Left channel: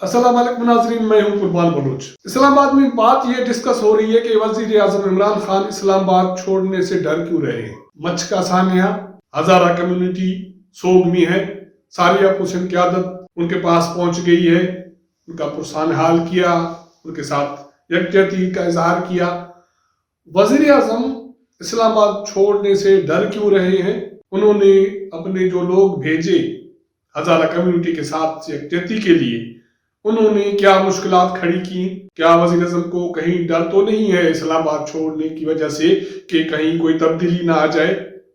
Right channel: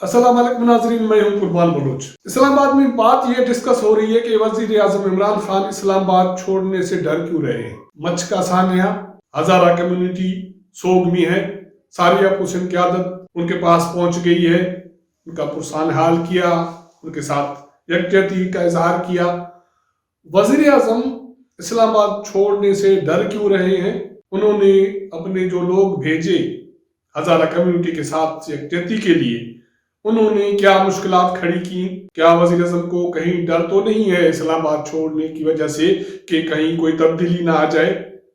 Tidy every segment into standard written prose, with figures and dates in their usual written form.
अस्सलाम वालेकुम नाज़रीन, मैं हूं कुर्बान बलूच। इस्लामाबाद में बात ये डिस्कस हो रही है कि वजीर आजम इमरान खान इस्लामाबाद छोड़ने से डर क्यों रहे हैं। मच का सानिया हजारा कम्युनिटी सोग में है। सानिया हुसैन क़यादत उनके पास पहुंच गई है, उनका पुरसान हाल किया, उनके साथ यकजहती का इजहार किया। वजीर आजम इस्लामाबाद छोड़ने से डर क्यों रहे हैं। उन्होंने अपने जो लोग भेजे हजारा कम्युनिटी के साथ यकजहती के लिए, उन्होंने क्या मुश्किलात खड़ी की। क्या वज़ीर आज़म को कहीं डर तो नहीं है इस्लामाबाद छोड़ने की वजह से कि कहीं कोई तब्दीली ना आ जाए,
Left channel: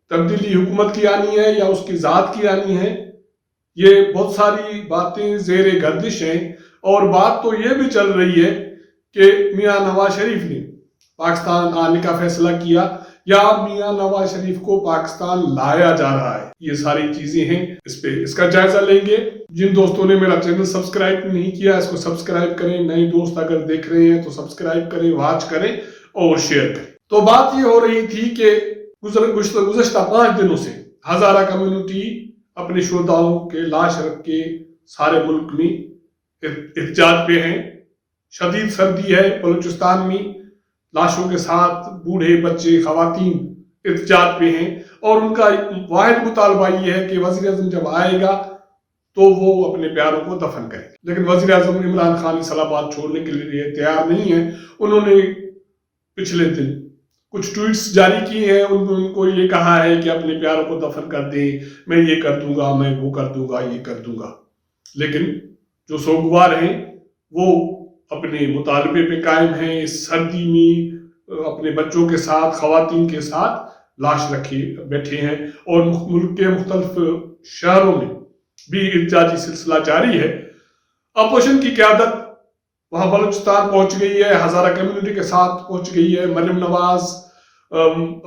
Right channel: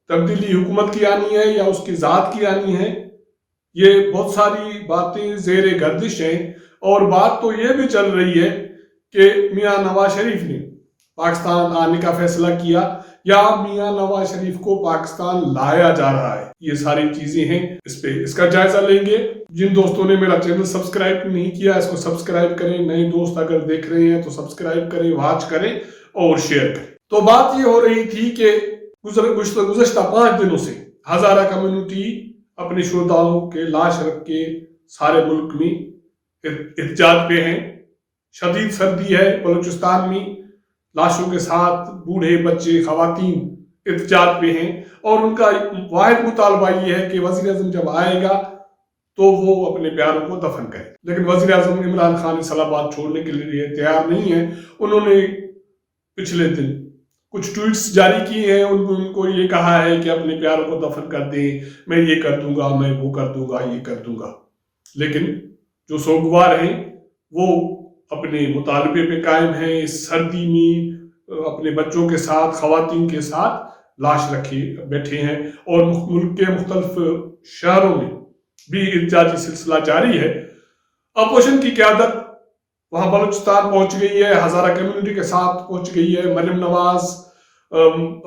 तब्दीली हुकूमत की आनी है या उसकी ज़ात की आनी है। ये बहुत सारी बातें ज़ेरे गर्दिश हैं। और बात तो ये भी चल रही है कि मियां नवाज शरीफ ने पाकिस्तान आने का फैसला किया या मियां नवाज शरीफ को पाकिस्तान लाया जा रहा है। ये सारी चीजें हैं, इस पे इसका जायजा लेंगे। जिन दोस्तों ने मेरा चैनल सब्सक्राइब नहीं किया, इसको सब्सक्राइब करें। नए दोस्त अगर देख रहे हैं तो सब्सक्राइब करें, वॉच करें और शेयर करें। तो बात ये हो रही थी कि गुज़श्ता 5 दिनों से हजारा कम्युनिटी अपने शुहदाओं के लाश रख के सारे मुल्क में एहतजाज पे हैं। शदीद सर्दी है बलूचिस्तान में, लाशों के साथ बूढ़े बच्चे खवातीन एहतजाज पे हैं और उनका वाहिद मुतालबा ये है कि वज़ीर आज़म जब आएगा तो वो अपने प्यारों को दफन करे। लेकिन वज़ीर आज़म इमरान खान इस्लामाबाद छोड़ने के लिए तैयार नहीं है। उन्होंने पिछले दिन कुछ ट्वीट्स जारी किए हैं, उनको ये कहा है कि अपने प्यारों को दफन कर दें, मैं ये कर दूंगा, मैं वो कर दूंगा, ये कर दूंगा। लेकिन जो सोगवार हैं वो अपने मुतालबे पे कायम हैं। इस सर्दी में अपने बच्चों के साथ, खवातीन के साथ लाश रखे बैठे हैं और मुल्क के मुख्तलिफ शहरों में भी एहतजाजी सिलसिला जारी है। अपोजिशन की क़यादत वहां बलूचिस्तान पहुंच गई है, हजारा कम्युनिटी के साथ पहुंच गई है। मरियम नवाज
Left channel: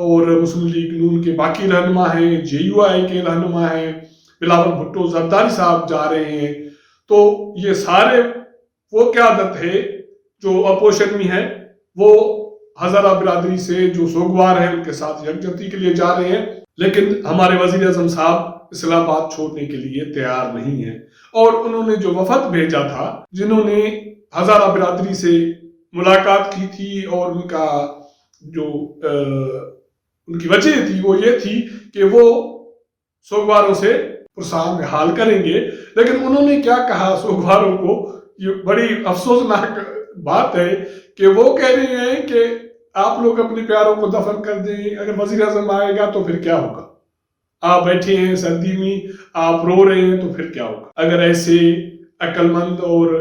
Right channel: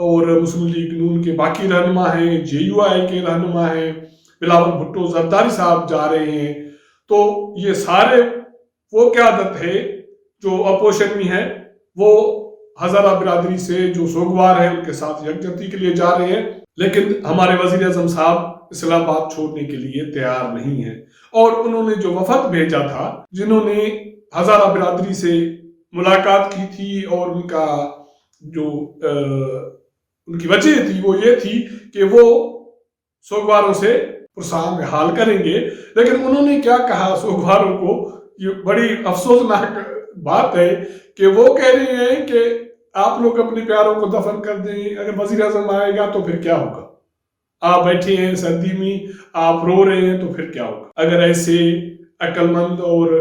और मुस्लिम लीग नून के बाकी रहनुमा हैं, JUI के रहनुमा हैं, बिलावल भुट्टो जरदारी साहब जा रहे हैं। तो ये सारे वो क़यादत है जो अपोजिशन में है, वो हजारा बिरादरी से जो सोगवार है उनके साथ यकजहती के लिए जा रहे हैं। लेकिन हमारे वज़ीर आज़म साहब इस्लामाबाद छोड़ने के लिए तैयार नहीं है। और उन्होंने जो वफद भेजा था, जिन्होंने हजारा बिरादरी से मुलाकात की थी और उनका जो उनकी वजह थी वो ये थी कि वो सोगवारों से पुरसान हाल करेंगे। लेकिन उन्होंने क्या कहा सोगवारों को, ये बड़ी अफसोसनाक बात है कि वो कह रहे हैं कि आप लोग अपने प्यारों को दफन कर दें, अगर वज़ीर आज़म आएगा तो फिर क्या होगा। आप बैठे हैं सर्दी में, आप रो रहे हैं तो फिर क्या होगा। अगर ऐसे अक्लमंद और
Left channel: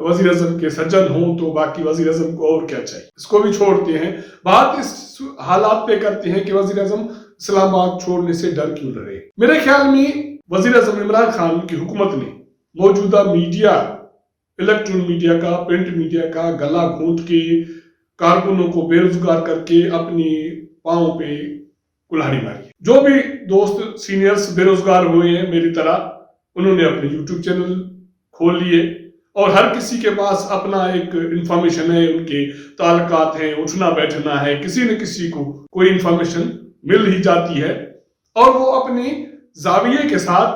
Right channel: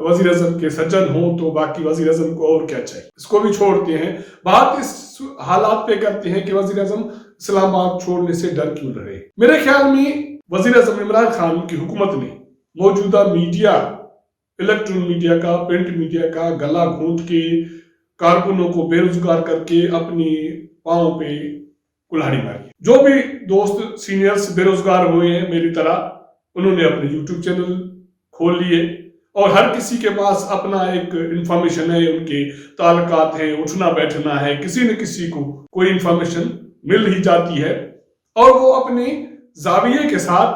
वज़ीर आज़म के सज्जन हों तो बाकी वज़ीर आज़म को और क्या चाहिए। इसको भी छोड़ते हैं, बात इस हालात पे करते हैं कि वज़ीर आज़म इस्लामाबाद छोड़ने से डर क्यों रहे। मेरे ख्याल में वज़ीर आज़म इमरान खान की हुकूमत ने मौजूदा मीडिया, इलेक्ट्रॉनिक मीडिया का, प्रिंट मीडिया का गला घोंट के कारकुनों को बेरोजगार करके अपने पांव पे कुल्हाड़ी मारी। जो भी दोस्त सीनियर्स बेरोजगार हुए हैं मेरी तरह, उन्होंने अपने YouTube चैनल खोल लिए और हर किसी के पास अपना एक इंफॉर्मेशन है, उनके ताल्लुकात है, उठना बैठना है, किसी न किसी को कोई इंफॉर्मेशन मिल ही जाती है और वो अपने जाविये के साथ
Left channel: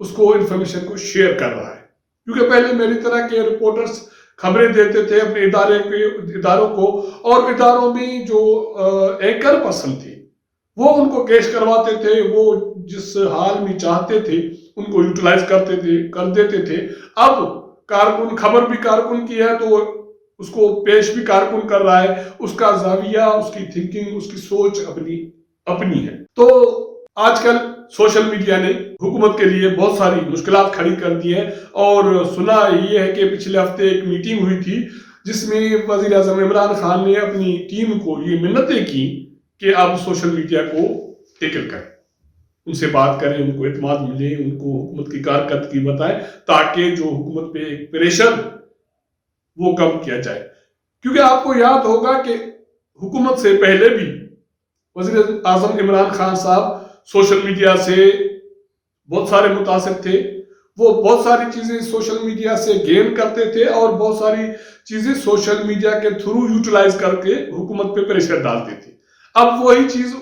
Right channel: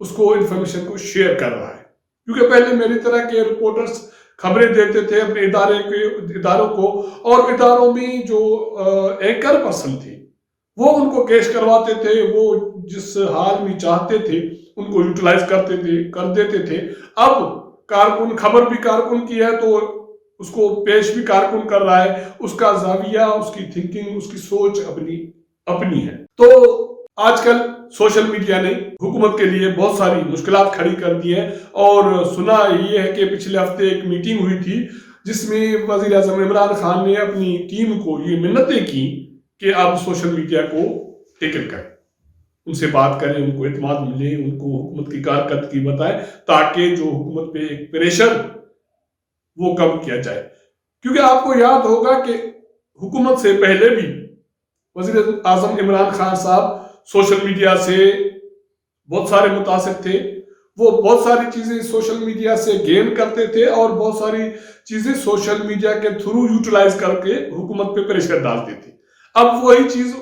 उसको इंफॉर्मेशन को शेयर कर रहा है। क्योंकि पहले मेरी तरह के रिपोर्टर्स खबरें देते थे अपने इदारों को, और इदारों में जो एंकर पर्सन थे वो उनको कैश करवाते थे, वो जिस हाल में चाहते थे उनको यूटिलाइज कर देते थे। अब कारकुन, खबर भी कारकुन की है तो उसको पेश भी कारकुन कर रहा है। उसका जाविया, उसकी थिंकिंग, उसकी सोच अपनी है। तो आजकल सोशल मीडिया ने हुकूमत के लिए बहुत सारी मुश्किलात खड़ी कर दी है। और सुना ये है कि पिछले हफ्ते एक मीटिंग हुई थी जिसमें वज़ीर आज़म इमरान खान ने अपनी टीम को ये मिन्नतें की कि आप सोशल मीडिया को टैकल करें, उनसे बात करें, उनको एतमाद मिले, उनको हुकूमत की कारकर्दगी बताएं ताकि जो हुकूमत पे एक प्रेशर वो कम किया जाए। क्योंकि आपको याद होगा कि हुकूमत से पहले भी वज़ीर आज़म इमरान खान साहब सोशल मीडिया से बहुत सारे मुतासिर थे। वो बहुत सारी चीजें सोशल मीडिया से गेन करते थे और बहुत सारी चीजें सोशल मीडिया के थ्रू यूटिलाइज करके हुकूमत पे प्रेशर डालते थे। अब वही चीज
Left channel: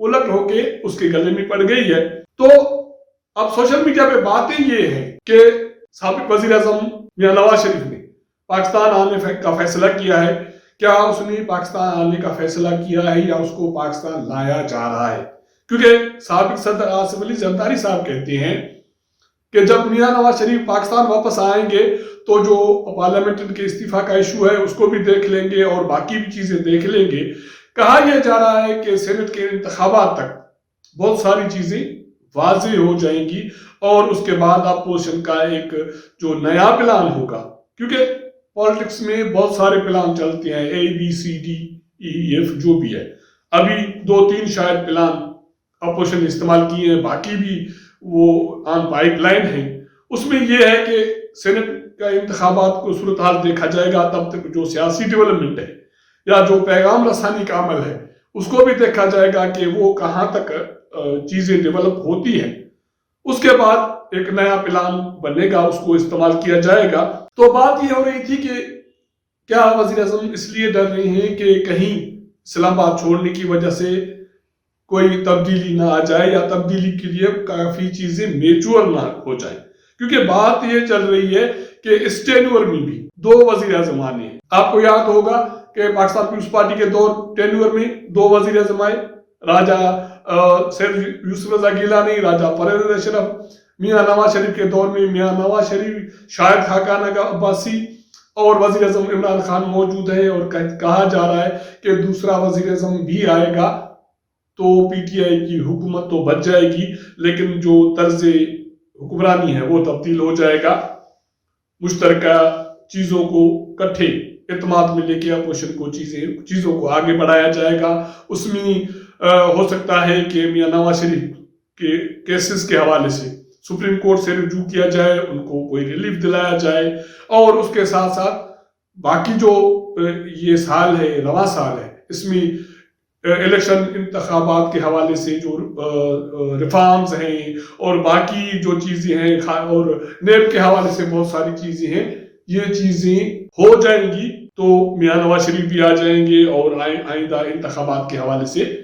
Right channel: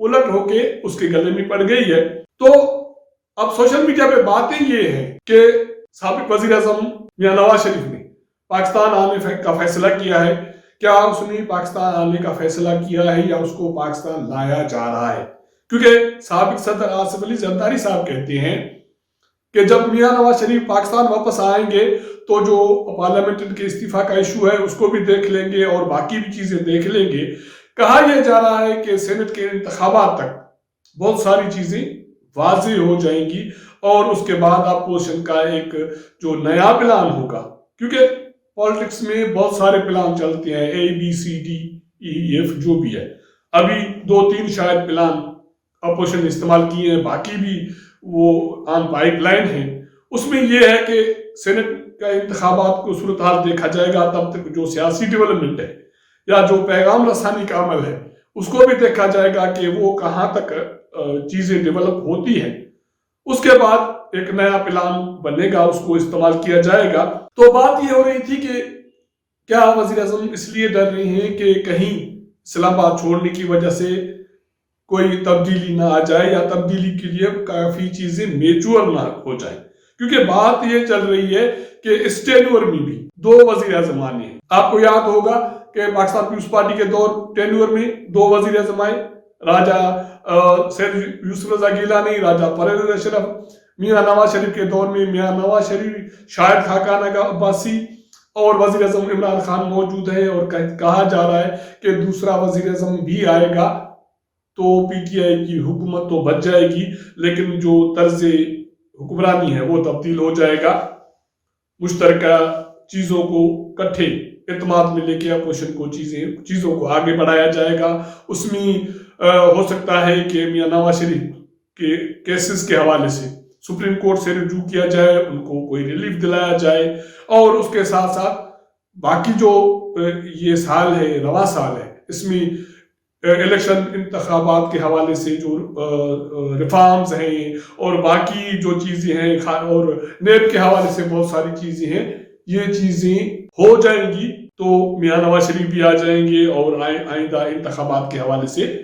उलट होके उसके गले में पड़ गई है। तो अब सोशल मीडिया पे बातें ये है कि साबिक वज़ीर आज़म میاں نواز شریف نے پاکستان آنے کا فیصلہ کیا ہے، کیا اس نے پاکستان آنے کا فیصلہ کیا ہے یا اس کو پاکستان لایا جا رہا ہے؟ کیونکہ سابق صدر آصف علی زرداری صاحب کہتے ہیں کہ جب میاں نواز شریف پاکستان واپس آئیں گے تو جو پارلیمنٹ کے استعفیٰ کا ایشو ہے اس کو بھی دیکھ لیں گے اور باقی بھی چیزیں دیکھ لیں گے۔ کہا یہ جا رہا ہے کہ سینٹ کے انتخابات تک بہت ساری چیزیں واضح ہو جائیں گی اور اس کے بعد اپوزیشن کا ایک جو نیا پلان ہوگا، کیونکہ پالیٹکس میں بہت سارے پلان چلتے ہیں، A B C D E F جو بھی ہے، ابھی 2-3 شاید پلان اپوزیشن استعمال کیے ہیں، باقی بھی وہ آن پائپ لائن ہے۔ اس میں یہ ہے کہ سینٹ کا انتخابات کو صورتحال دیکھا جائے گا، تب تک جو سیاسی ڈیولپمنٹ ہے یا جو پیغام رسانی کا عمل ہے اس کو بھی دیکھا جائے گا کہ وہ کہاں تک چیزیں ڈیولپ ہوتی ہیں۔ اس کے بعد ایک نیا پلان بنے گا، اس کو استعمال کیا جائے گا۔ تو بات یہ ہو رہی تھی کہ کیا وزیر اعظم اس لیے ڈر رہے ہیں کہ کہیں اسلام آباد چھوڑنے کی وجہ سے کوئی تبدیلی نہ آ جائے یا تبدیلی کے لیے کافی چیزیں میچور نہ ہو جائیں، کیونکہ بات یہ چل رہی ہے کہ اس ٹینیور میں بھی 2 وزیر اعظم آنے ہیں۔ آپ کو یاد ہوگا کہ پاکستان پیپلز پارٹی کے ٹینیور میں 2 وزیر اعظم آئے، راجہ سید یوسف رضا گیلانی، راجہ پرویز اشرف۔ میاں نواز شریف کے دور میں میاں نواز شریف، شاہد خاقان عباسی اور وزیر اعظم عمران خان موجود ہیں، اور کہا جا رہا ہے کہ دوسرا وزیر اعظم بھی آئے گا تو پی ٹی آئی کی حکومت تو بچ جائے گی، لیکن جو طرز حکمرانی ہے وہ تبدیل ہو جائے گا۔ مشترکہ چیزوں کو کٹھے اعتماد میں لے کے اپوزیشن کو چیزوں کو آگے بڑھایا جائے گا۔ اس میں ہو سکتا ہے کہ میاں نواز شریف کے کیسز کے حوالے سے سپریم کورٹ سے رجوع کیا جائے، ان کو کوئی ریلیف دلایا جائے، اور اس کے ساتھ ساتھ باقی جو یہ سال ہے، یہ رواں سال ہے، اس میں الیکشن انتخابات کے حوالے سے جو ریفارمز ہیں اور باقی جو چیزیں ہیں اور نیب کے حوالے سے بہت ساری چیزیں ہیں، یہ چیزیں ہو جائیں گی تو میاں نواز شریف بھی آ جائیں گے اور آئندہ انتخابات کے حوالے سے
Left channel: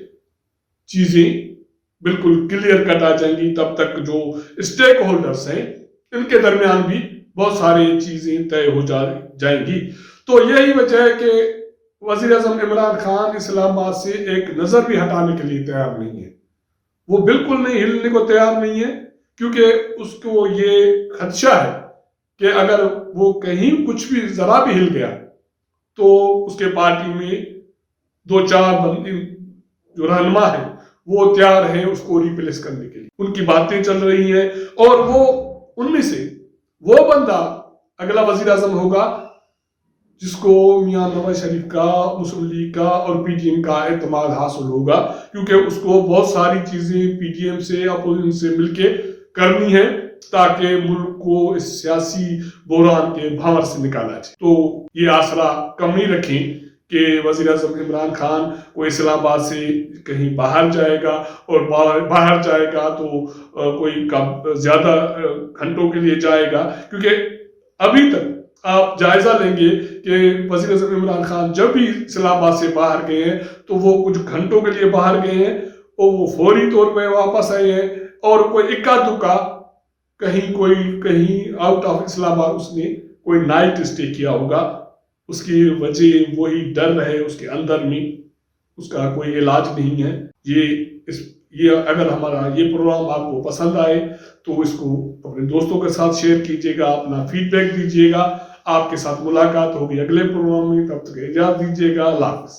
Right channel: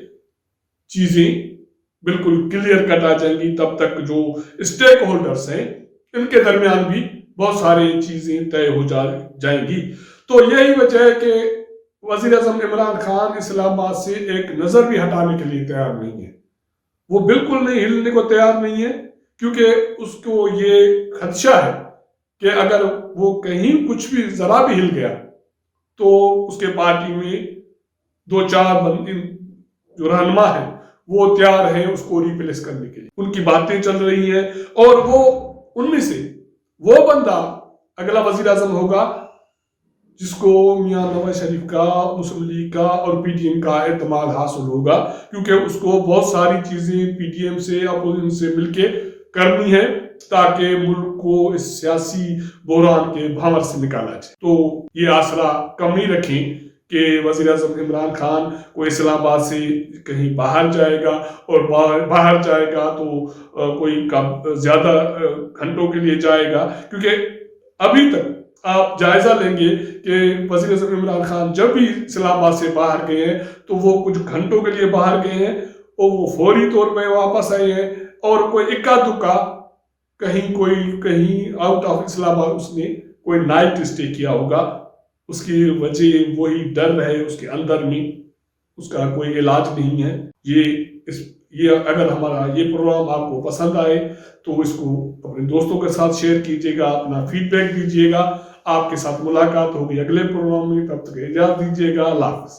چیزیں بالکل کلیئر کٹ آ جائیں گی۔ تب تک جو اسٹیک ہولڈرز ہیں ان کے درمیان بھی بہت ساری چیزیں طے ہو جائیں گی۔ تو یہی وجہ ہے کہ وزیر اعظم عمران خان اسلام آباد سے ایک نظر بھی ہٹانے کے لیے تیار نہیں ہے، وہ بالکل نہیں ہلنے کو تیار نہیں ہے، کیونکہ اس کو یہ خدشہ ہے کہ اگر وہ کہیں کچھ بھی ذرا بھی ہل گیا تو اس کے پارٹی میں 2-4 جو رہنما ہیں وہ تیار ہیں اس کو ریپلیس کرنے کے لیے، ان کی باتیں چل رہی ہیں، اور وہ ان میں سے وہ بندہ اگلا وزیر اعظم ہوگا جس کو میاں نواز شریف کا، مسلم لیگ کا اور پی ٹی ایم کا اعتماد حاصل ہوگا، کیونکہ اس کو بہت ساری چیزیں پی ٹی ایم سے، اپوزیشن سے مل کے کرنی ہے تاکہ ملک کو اس سیاسی بحران کے بھاور سے نکالا جائے۔ تو یہ آسرا کم نہیں رکھیں کہ وزیر اعظم عمران خان کو اسلام آباد سے کہیں باہر جائے گا، اور باہر جائے گا تو کوئی زیادہ گھنٹوں کے لیے جائے گا، کیونکہ ابھی تک آپ جائزہ لیں گے کہ وزیر اعظم عمران خان جب بھی اسلام آباد سے باہر گئے ہیں تو وہ کچھ گھنٹوں کے لیے باہر گئے ہیں اور وہ فوری طور پہ واپس آئے ہیں، اور کوئی اکا دکا کہیں آؤٹ آف اسلام آباد اس نے کوئی نائٹ اسٹے کیا ہوگا، اس کی وجہ وہی ڈر ہے اس کے اندر میں، اس کا کوئی علاج نہیں ہے۔ یہ اگر ہمارا یہ پروگرام آپ کو پسند آئے تو اس کو اپنے دوستوں کے ساتھ شیئر کیجیے گا، اپنا فیڈ بیک دیجیے گا۔ آپ کے ساتھ ملاقات ہوگی اگلے پروگرام میں، تب تک اجازت دیجیے گا۔ اللہ حافظ۔